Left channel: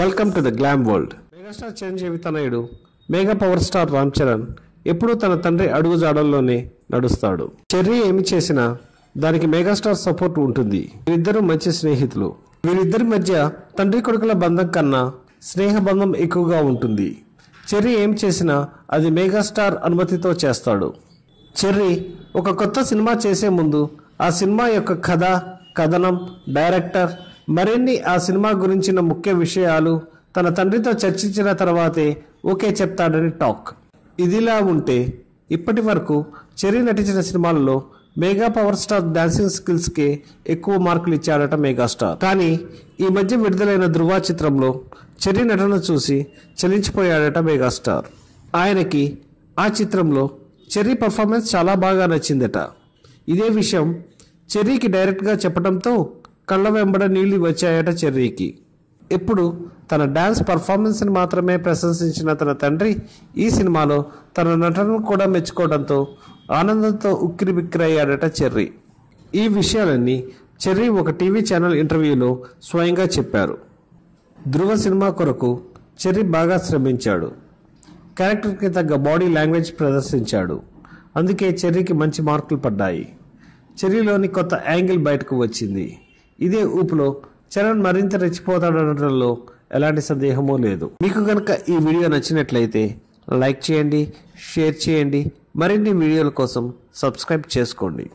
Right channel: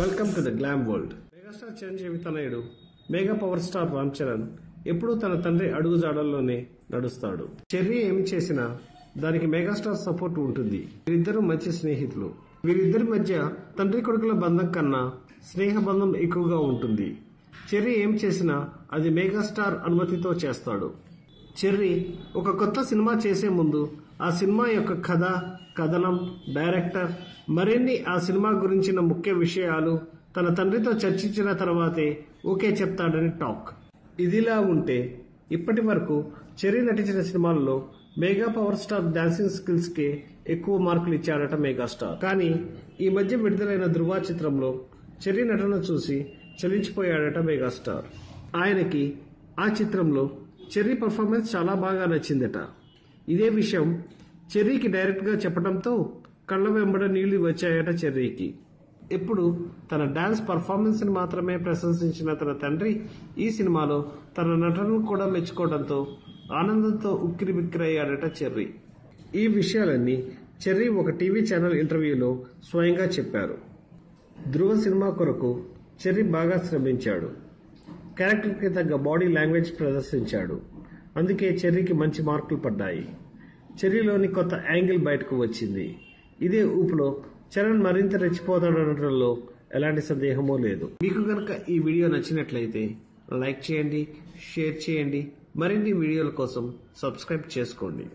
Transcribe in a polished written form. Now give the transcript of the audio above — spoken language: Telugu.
Welcome to the glam world. Megastar Chiranjeevi తనయుడు mega power star Ram Charan ఎప్పుడూ తన తండ్రి అడుగుజాడల్లోనే నడుస్తాడు. చెర్రీ ఏమి చేసినా దానికి మెగాస్టార్ సపోర్ట్ ఉంటుంది. వీరిద్దరూ మంచి స్నేహితులు. వీరిద్దరి మధ్య తండ్రి కొడుకుల బంధం కన్నా స్నేహ బంధం ఎక్కువగా ఉంటుంది. చెర్రీ ఏం చేసినా అది మెగాస్టార్ అనుమతితో చేస్తాడు. చెర్రీ ఒక కొత్త సినిమా చేసే ముందు ఆ సినిమా యొక్క కథ, కథనం, డైరెక్టర్, మరిన్ని ఆ సినిమా గురించిన ముఖ్య విషయాలు తన తండ్రితో చర్చించిన తర్వాతే ఓకే చెప్తాడని టాక్. ఇదిలా ఉంటే ఇప్పటి వరకు చెర్రీ నటించిన సినిమాలలో mega power star dancing skills కే ఎక్కువ మార్కులు ఇచ్చాడట మెగాస్టార్. కానీ ఈ మధ్య విడుదలైన ధృవ చిత్రంలో చెర్రీ నటన చూసి చలించిపోయాడట మెగాస్టార్. ఆయనకి ఆ చిత్రంలో చెర్రీ పర్ఫార్మెన్స్ చాలా బాగా నచ్చిందట. ఇదే విషయం చెర్రీకి డైరెక్ట్గా చెప్పడంతో కళ్ళ వెంబడ నీళ్లు వచ్చాయట చెర్రీకి. ఎప్పుడు తన డాన్స్ పర్ఫార్మెన్స్ని మాత్రమే ప్రశంసించిన తన తండ్రి ఈ సినిమాలో తన నటనను కూడా మెచ్చుకోవడంతో ఆనందంతో ఉక్కిరిబిక్కిరయ్యాడట చెర్రీ. ఈ విషయాలన్నీ చెర్రీ ఒక టీవీ ఛానల్ ఇంటర్వ్యూలో స్వయంగా చెప్పారు. ధృవ సినిమా కొరకు చెర్రీ బాగా శ్రమించాడు. క్యారెక్టర్కి తగ్గ బాడీ లాంగ్వేజ్ ప్రదర్శించాడు. అందుకే చెర్రీకి మంచి మార్కులు పడ్డాయి. చెర్రీలోని కొత్త యాంగిల్ బయటకు వచ్చింది. ఇదే ఊపులో చరణ్ మరింత రెచ్చిపోతాడనడంలో ఎలాంటి సందేహమూ లేదు. మీకు కనుక ఈ వీడియో నచ్చినట్లయితే లైక్ చేయండి, షేర్ చేయండి. మరిన్ని వీడియోల కోసం సబ్స్క్రైబ్ చేసుకోండి.